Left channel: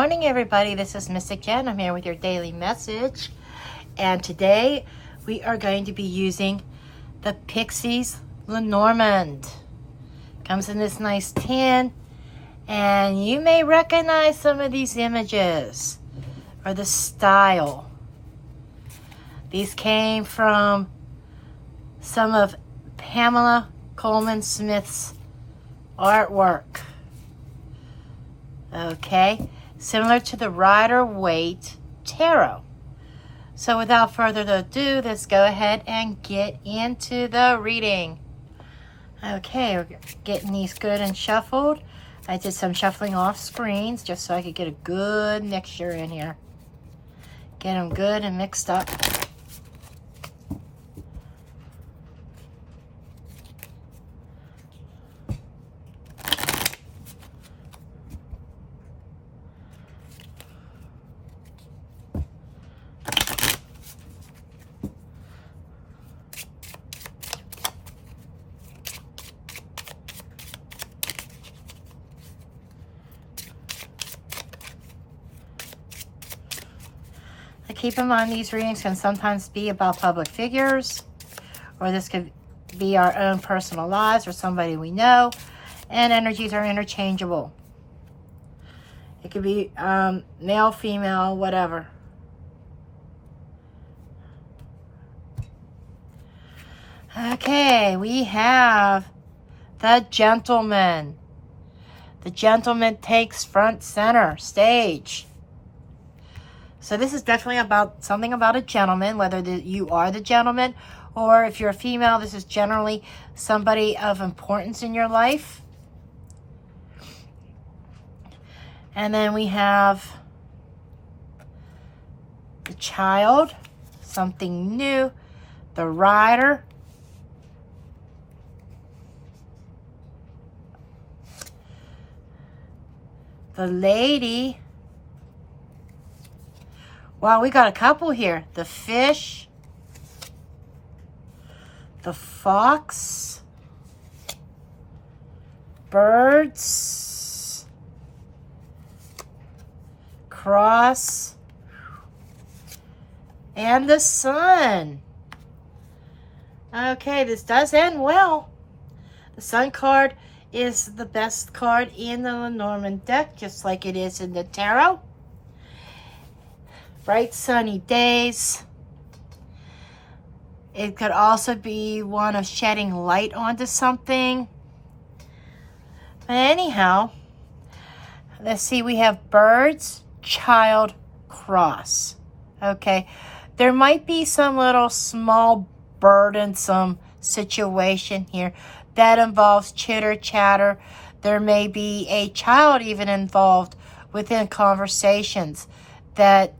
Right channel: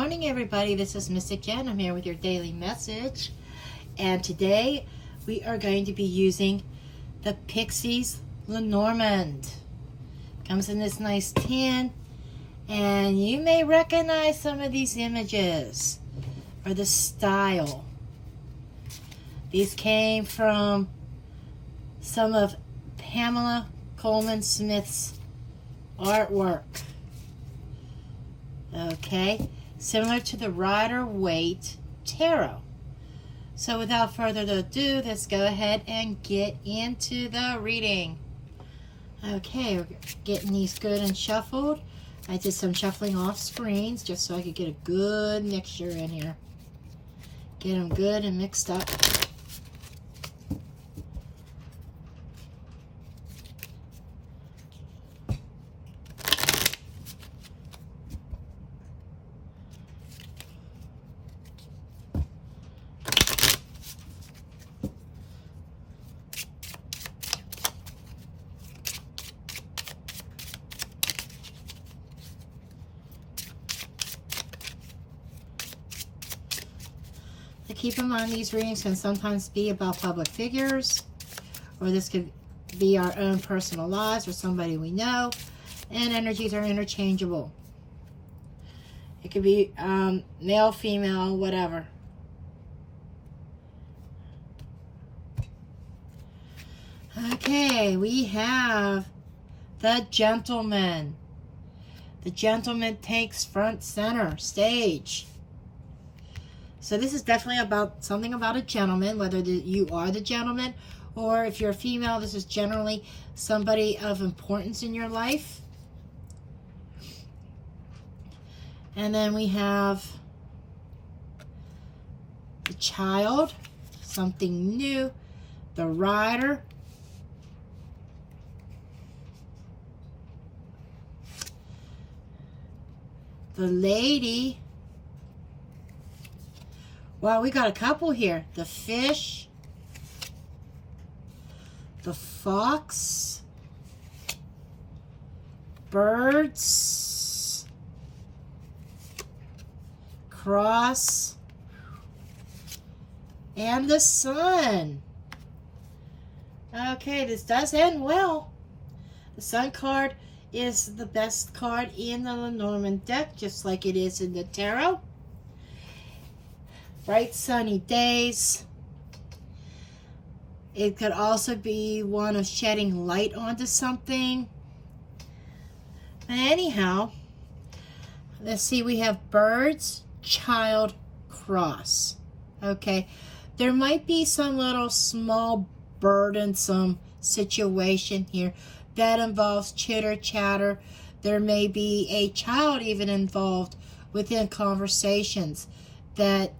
morning, everybody. This is Mystic Jen. I'm here with your daily message. And today we are going to be using the Pixies LENORMAND. Comes in this nice tin. And you may recognize some of these images or the style. These came from some of Pamela Coleman Smith's artwork. Okay, similar to the Rider-Waite Tarot. So without further ado, let's go ahead and get into the reading. Okay, we're getting these good and shuffled. I did some shuffling off screens just so I could get a good mixture in here. Get them good and mixed up. Keep in mind, these readings can sometimes be about public figures, or this could be our own personal lives or somebody we know, and energies are interchangeable. It could be male, female, whatever. Okay, we have the gentleman. The gentleman takes front center stage. So this is definitely about something about a gentleman, whether you are the gentleman or if you're a female, this is generally somebody of importance in your life. And then we have the child, something new, the rider, the lady. Wow, we got a couple here. The fish, the fox, birds, cross, and the sun. Okay, this does end well. The sun card is the best card in the LENORMAND deck, just like it is in the tarot. Bright sunny days. It could also be one of shedding light onto something. But anyhow, let's see, we have birds, child, cross. Okay, there might be some little small burdensome situation here that involves chitter chatter. There may be a child even involved within conversations that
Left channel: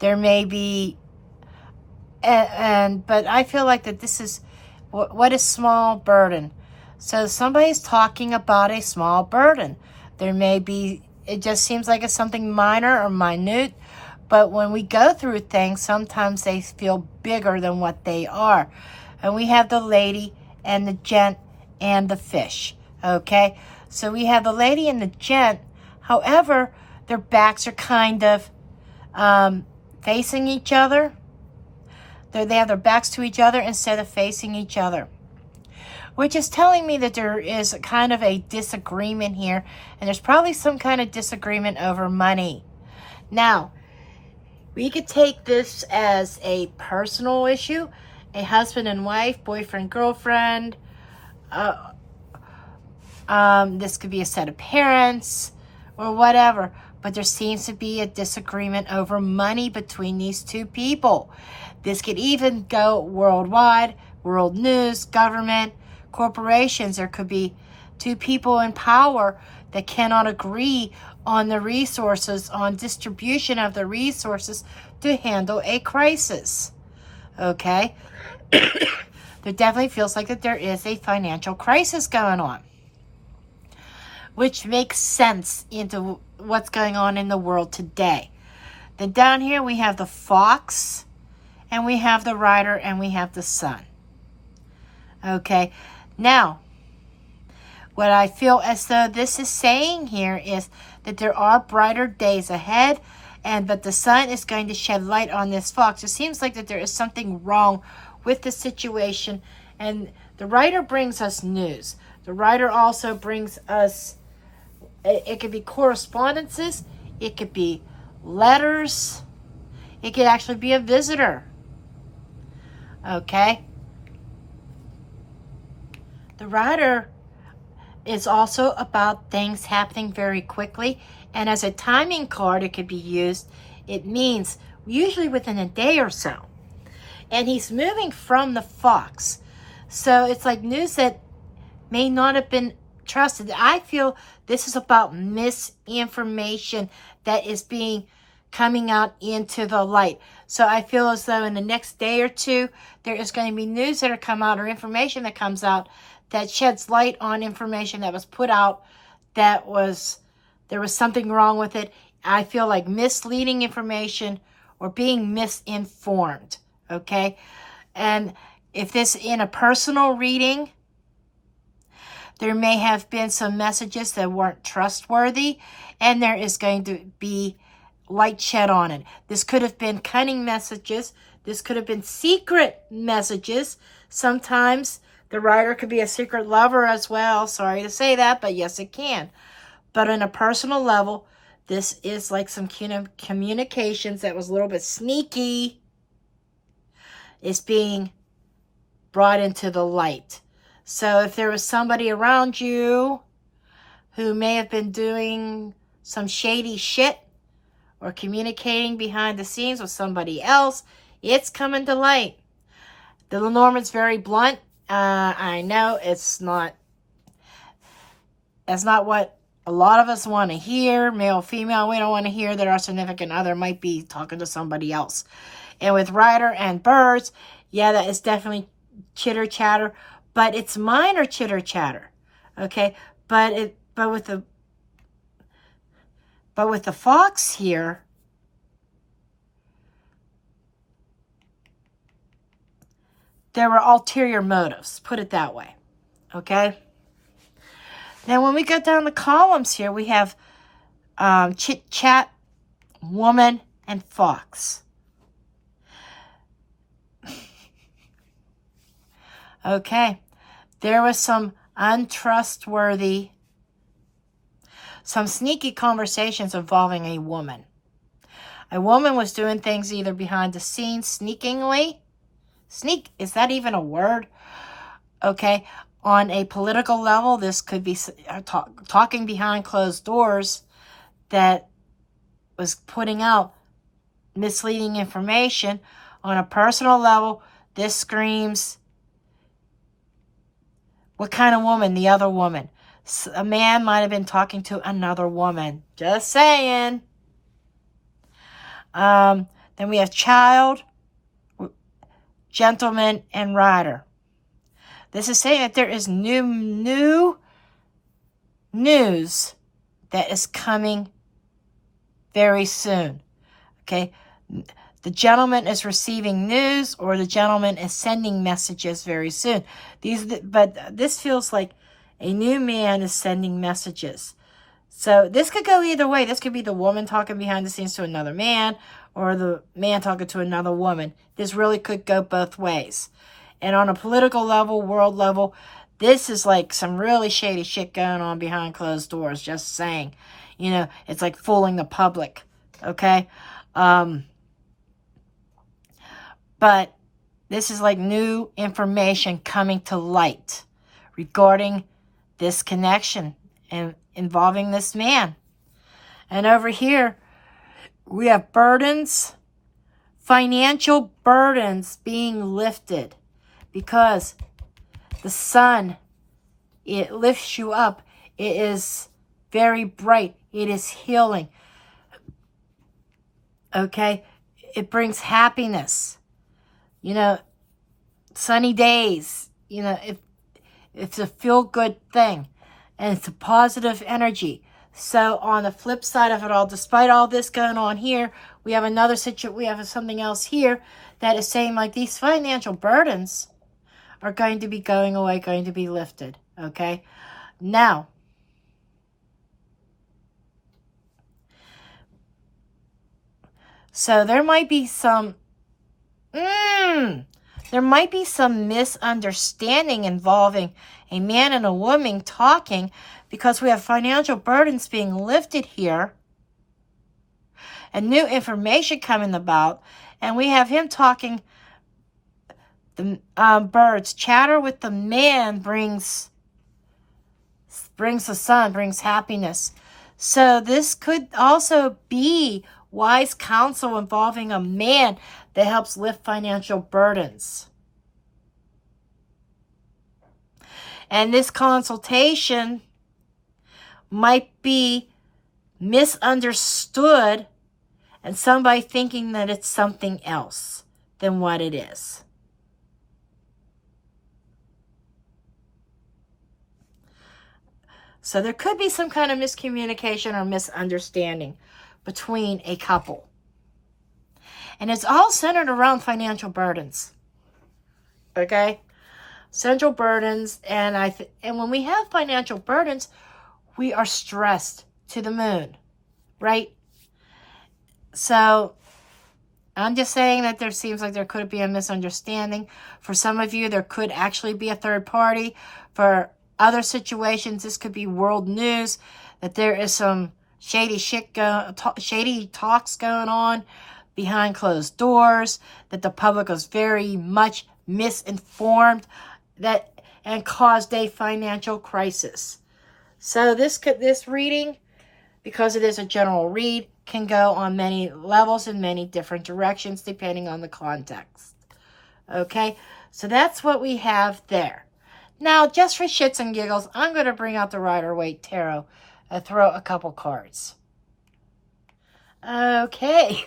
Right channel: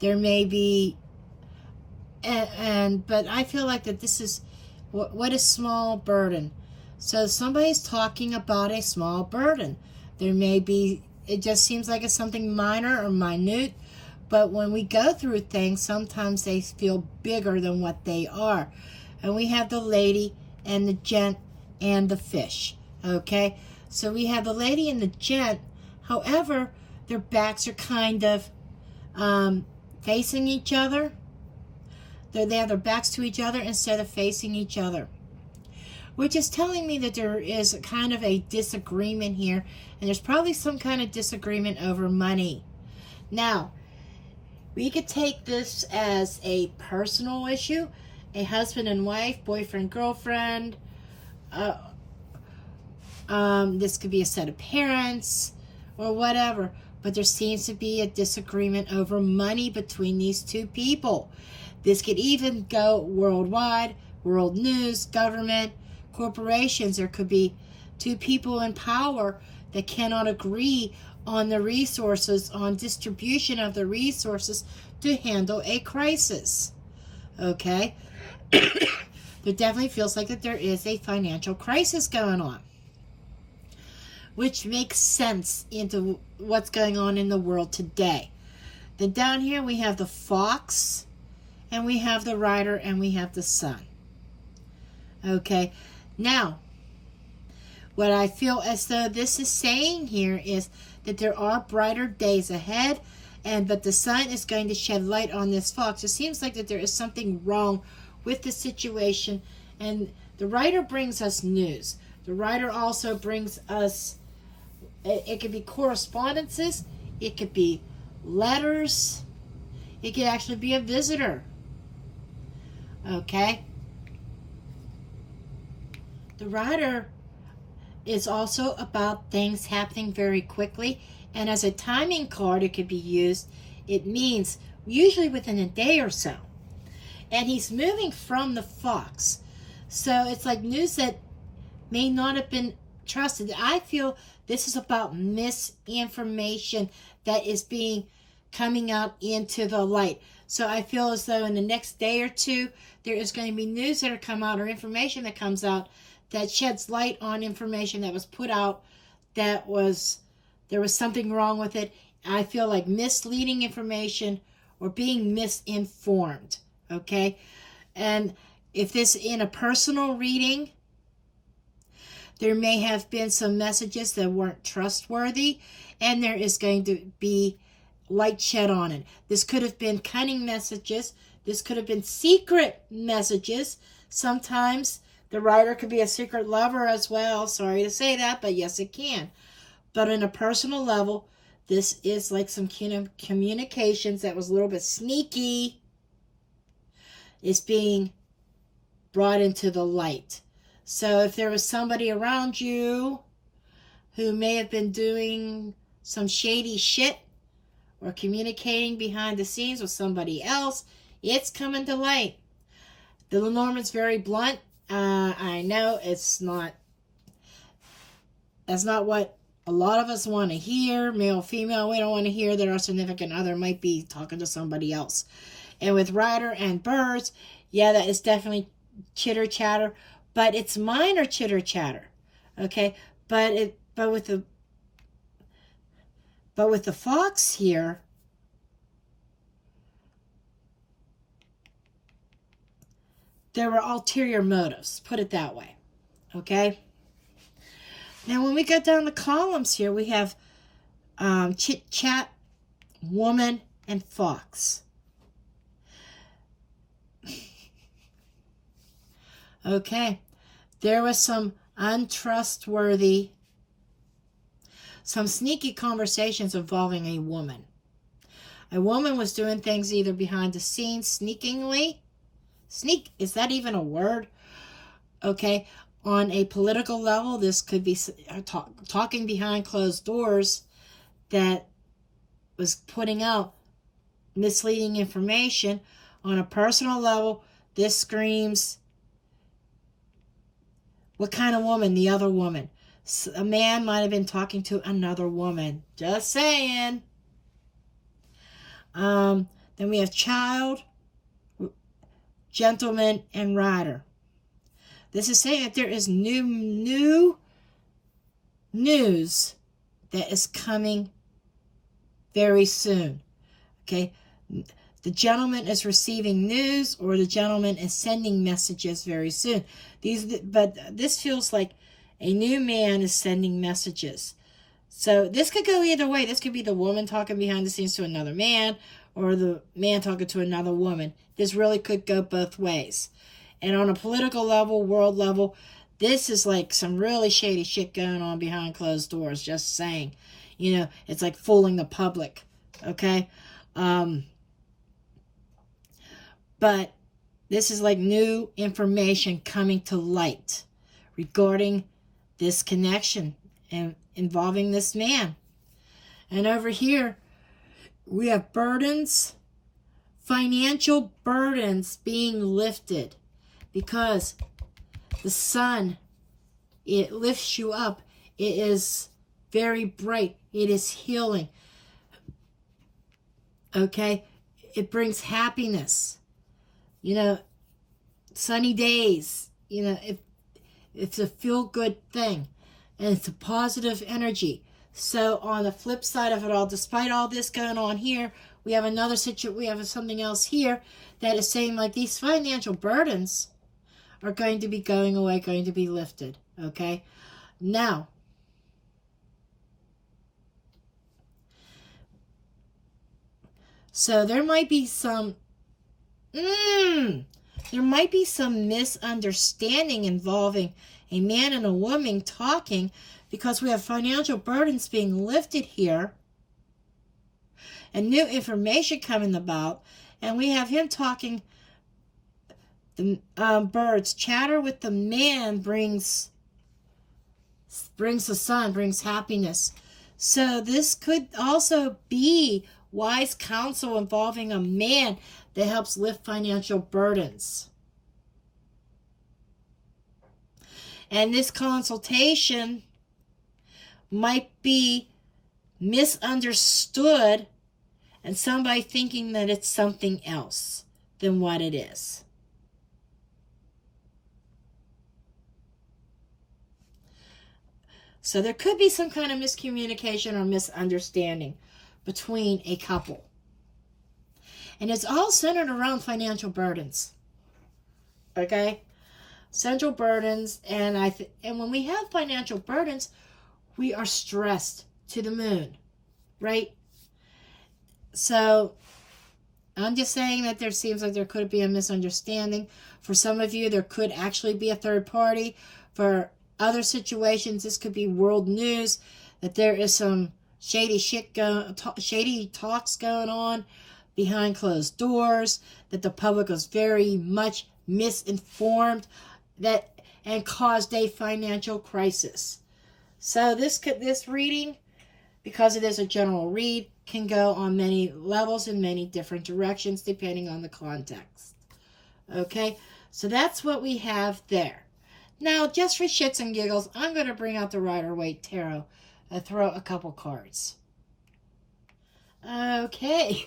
there may be, but I feel like that this is, what is small burden? So somebody's talking about a small burden. There may be, it just seems like it's something minor or minute, but when we go through things, sometimes they feel bigger than what they are. And we have the lady and the gent and the fish, okay? So we have the lady and the gent, however, their backs are kind of, facing each other. They have their backs to each other instead of facing each other, which is telling me that there is kind of a disagreement here, and there's probably some kind of disagreement over money. Now, we could take this as a personal issue, a husband and wife, boyfriend, girlfriend. This could be a set of parents or whatever. But there seems to be a disagreement over money between these two people. This could even go worldwide, world news, government, corporations. There could be two people in power that cannot agree on the resources, on distribution of the resources to handle a crisis. Okay? There definitely feels like that there is a financial crisis going on, which makes sense into what's going on in the world today. Then down here we have the fox, and we have the rider, and we have the sun. Okay, now, what I feel as though this is saying here is that there are brighter days ahead, but the sun is going to shed light on this fox. It seems like that there is something wrong with the situation, and the writer brings us news. The writer also brings us, it could be correspondences, it could be letters, it could actually be a visitor. Okay? The writer is also about things happening very quickly, and as a timing card it could be used. It means usually within a day or so. And he's moving from the fox. So it's like news that may not have been trusted. I feel this is about misinformation that is coming out into the light. So I feel as though in the next day or two, there is going to be news that are come out, or information that comes out that sheds light on information that was put out there was something wrong with it. I feel like misleading information or being misinformed, okay? And if this in a personal reading, there may have been some messages that weren't trustworthy, and there is going to be light shed on it. This could have been cunning messages. This could have been secret messages. Sometimes the writer could be a secret lover as well. Sorry to say that, but yes, it can. But on a personal level, this is like some communications that was a little bit sneaky. It's being brought into the light. So if there was somebody around you who may have been doing some shady shit or communicating behind the scenes with somebody else, it's coming to light. The Lenormand's very blunt. I know that's not what a lot of us want to hear. Male, female, we don't want to hear that our significant other might be talking to somebody else. And with Rider and Birds, yeah, that is definitely chitter chatter, but it's minor chitter chatter. Okay, but with the fox here, there were ulterior motives, put it that way. Okay? Now, when we go down the columns here, we have chit chat, woman, and fox. Okay. There was some untrustworthy, some sneaky conversations involving a woman. A woman was doing things either behind the scenes, sneakingly. Sneak, is that even a word? Okay. On a political level, this could be talking behind closed doors that was putting out misleading information. On a personal level, this screams, what kind of woman? The other woman. A man might have been talking to another woman. Just saying. Then we have child, gentleman, and rider. This is saying that there is new news that is coming very soon. Okay? The gentleman is receiving news, or the gentleman is sending messages very soon. But this feels like a new man is sending messages. So this could go either way. This could be the woman talking behind the scenes to another man, or the man talking to another woman. This really could go both ways. And on a political level, world level, this is like some really shady shit going on behind closed doors. Just saying. You know, it's like fooling the public. Okay? But this is like new information coming to light regarding this connection and involving this man. And over here, we have burdens, financial burdens being lifted, because the sun, it lifts you up. It is very bright. It is healing. Okay? It brings happiness. You know, sunny days. You know, it's a feel-good thing. And it's a positive energy. So on the flip side of it all, despite all this going on here, we have another situation. We have something else here that is saying like these financial burdens are going to be going away, going to be lifted. Okay? Now, So there might be some, there might be some misunderstanding involving a man and a woman talking, because we have financial burdens being lifted here and new information coming about. And we have him talking, the birds chatter with the man brings the sun, brings happiness. So this could also be wise counsel involving a man that helps lift financial burdens. And this consultation might be misunderstood and somebody thinking that it's something else than what it is. So there could be some kind of miscommunication or misunderstanding between a couple. And it's all centered around financial burdens. Okay? Central burdens. And when we have financial burdens, we are stressed to the moon. Right? So I'm just saying that there seems like there could be a misunderstanding. For some of you, there could actually be a third party. For other situations, this could be world news, that there is some shady talks going on behind closed doors, that the public was very much misinformed, and caused a financial crisis. So this reading, because it is a general read, can go on many levels in many different directions depending on the context. Okay, so that's what we have there. Now, just for shits and giggles, I'm going to bring out the Rider-Waite Tarot and throw a couple cards. Okay.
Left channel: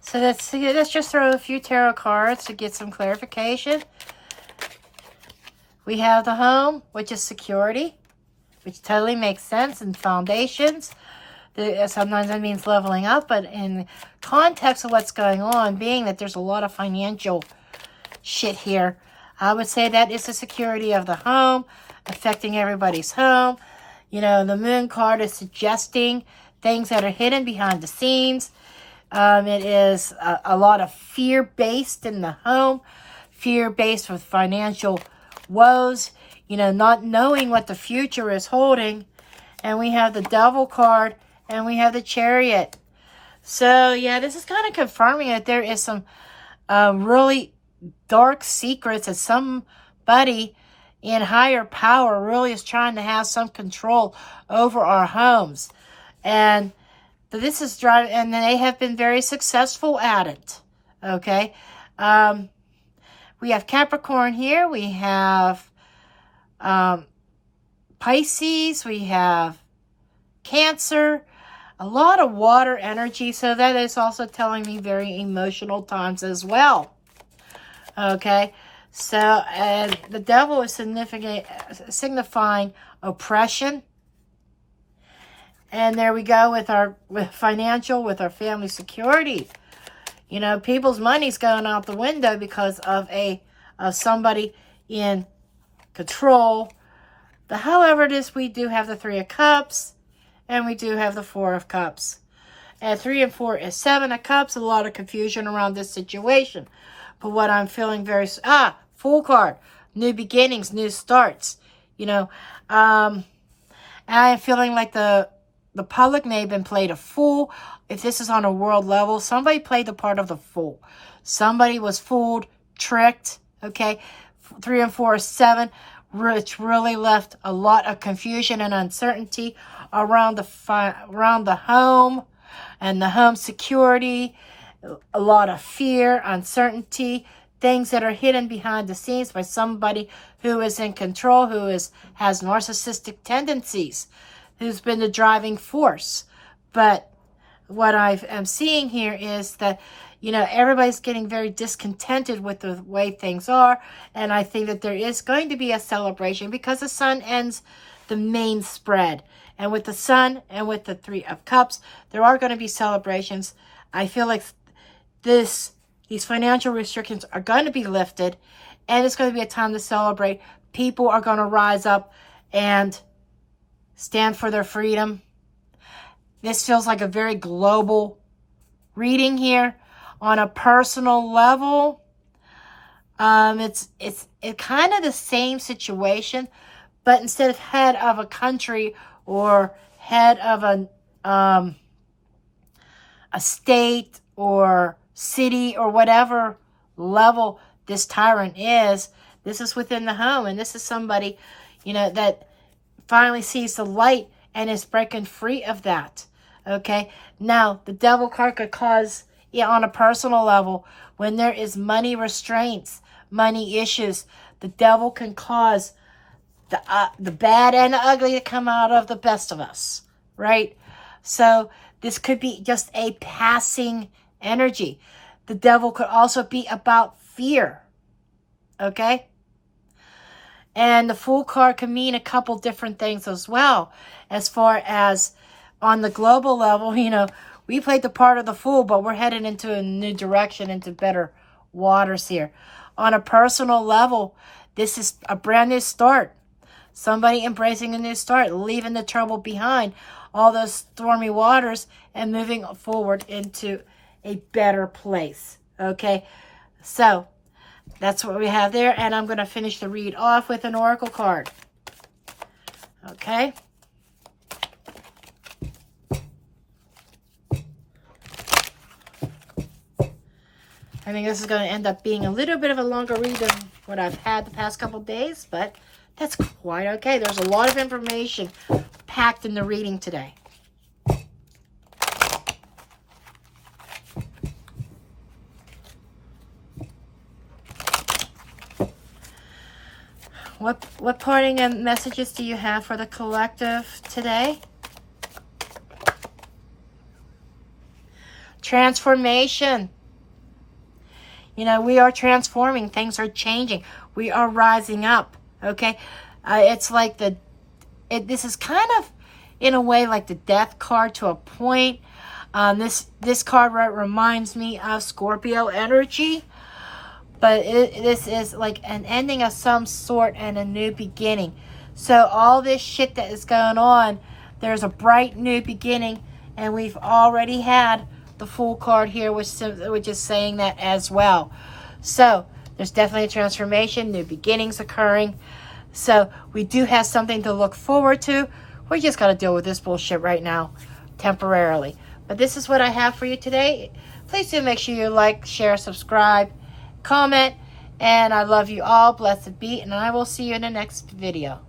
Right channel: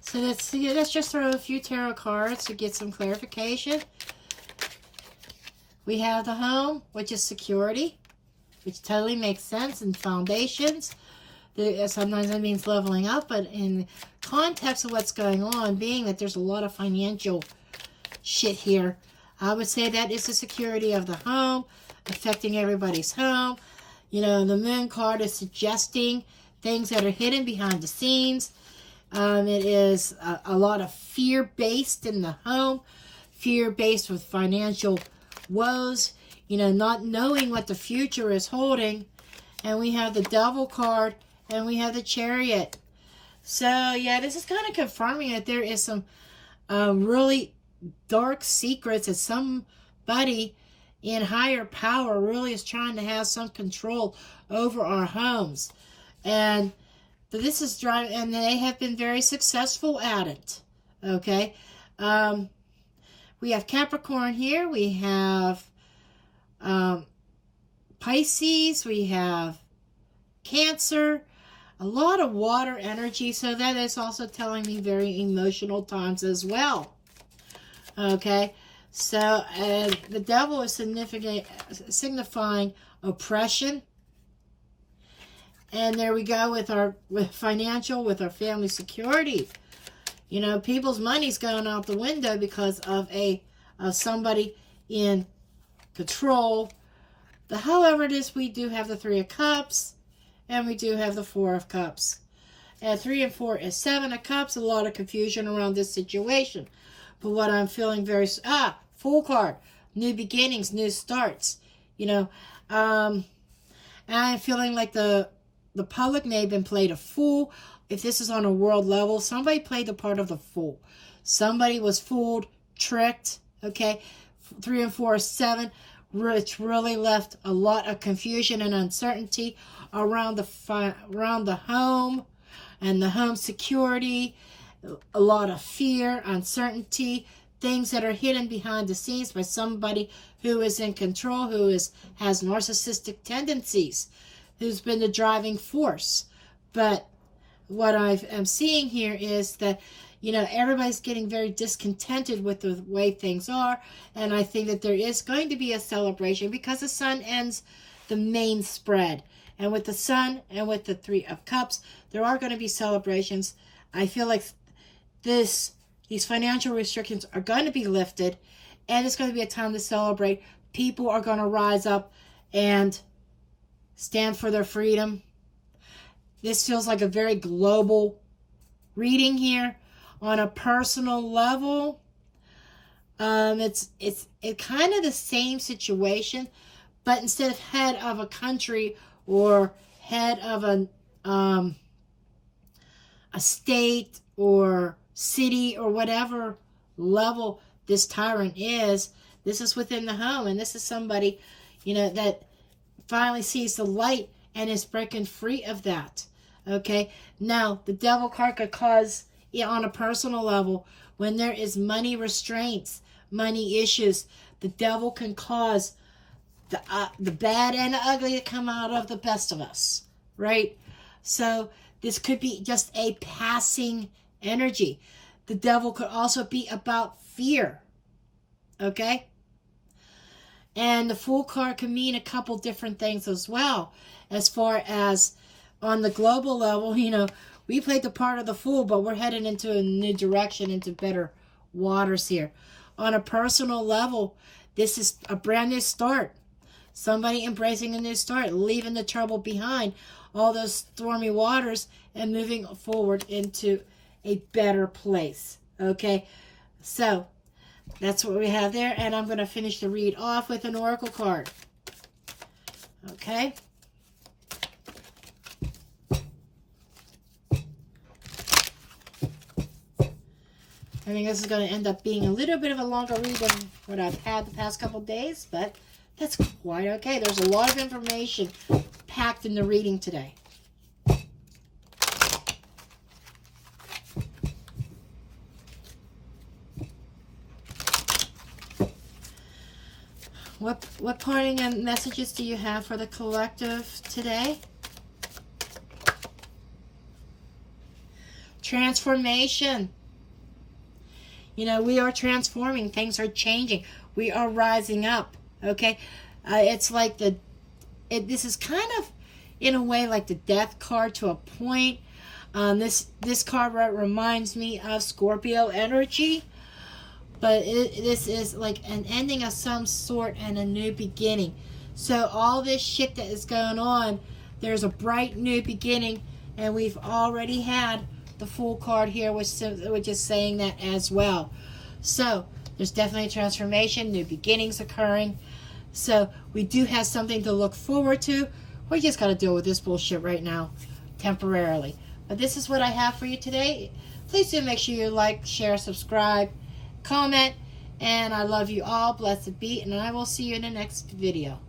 So let's just throw a few tarot cards to get some clarification. We have the home, which is security, which totally makes sense, and foundations. Sometimes that means leveling up, but in context of what's going on, being that there's a lot of financial shit here, I would say that is the security of the home, affecting everybody's home. You know, the moon card is suggesting things that are hidden behind the scenes. It is a lot of fear-based in the home, fear-based with financial woes, you know, not knowing what the future is holding. And we have the Devil card, and we have the Chariot. So, yeah, this is kind of confirming that there is some really dark secrets that somebody in higher power really is trying to have some control over our homes. And this is driving, and they have been very successful at it. Okay. We have Capricorn here. We have Pisces. We have Cancer. A lot of water energy. So that is also telling me very emotional times as well. Okay, so the Devil is signifying oppression. And there we go with our financial, with our family security. You know, people's money's going out the window because of somebody in control. However it is, we do have the Three of Cups, and we do have the Four of Cups. And 3 and 4 is 7 of Cups. A lot of confusion around this situation. But what I'm feeling Fool card. New beginnings, new starts. You know, and I'm feeling like the public may have been played a fool. If this is on a world level, somebody played the part of the fool. Somebody was fooled, tricked, okay? 3 and 4 is 7, which really left a lot of confusion and uncertainty around the home and the home security. A lot of fear, uncertainty, things that are hidden behind the scenes by somebody who is in control, who has narcissistic tendencies, who's been the driving force. But what I am seeing here is that, you know, everybody's getting very discontented with the way things are. And I think that there is going to be a celebration because the sun ends the main spread. And with the sun and with the Three of Cups, there are going to be celebrations. I feel like these financial restrictions are going to be lifted, and it's going to be a time to celebrate. People are going to rise up and stand for their freedom. This feels like a very global reading here on a personal level. It's kind of the same situation, but instead of head of a country or head of a state or city or whatever level this tyrant is, this is within the home, and this is somebody, that finally sees the light and is breaking free of that. Okay, now the devil card could cause, on a personal level, when there is money restraints, money issues, the devil can cause the bad and the ugly to come out of the best of us, right? So this could be just a passing energy. The devil could also be about fear, okay? And the Fool card can mean a couple different things as well. As far as on the global level, we played the part of the Fool, but we're headed into a new direction, into better waters here. On a personal level, this is a brand new start. Somebody embracing a new start, leaving the trouble behind, all those stormy waters, and moving forward into a better place. Okay, so that's what we have there, and I'm going to finish the read off with an oracle card. Okay. I think this is going to end up being a little bit of a longer read than what I've had the past couple days, but that's quite okay. There's a lot of information packed in the reading today. What parting messages do you have for the collective today? Transformation. We are transforming. Things are changing. We are rising up. Okay? It's like this is kind of, in a way, like the death card to a point. This card reminds me of Scorpio energy. But this is like an ending of some sort and a new beginning. So all this shit that is going on, there's a bright new beginning. And we've already had the Fool card here, which is saying that as well. So there's definitely a transformation, new beginnings occurring. So we do have something to look forward to. We just got to deal with this bullshit right now, temporarily. But this is what I have for you today. Please do make sure you like, share, subscribe, comment, and I love you all. Blessed be, and I will see you in the next video.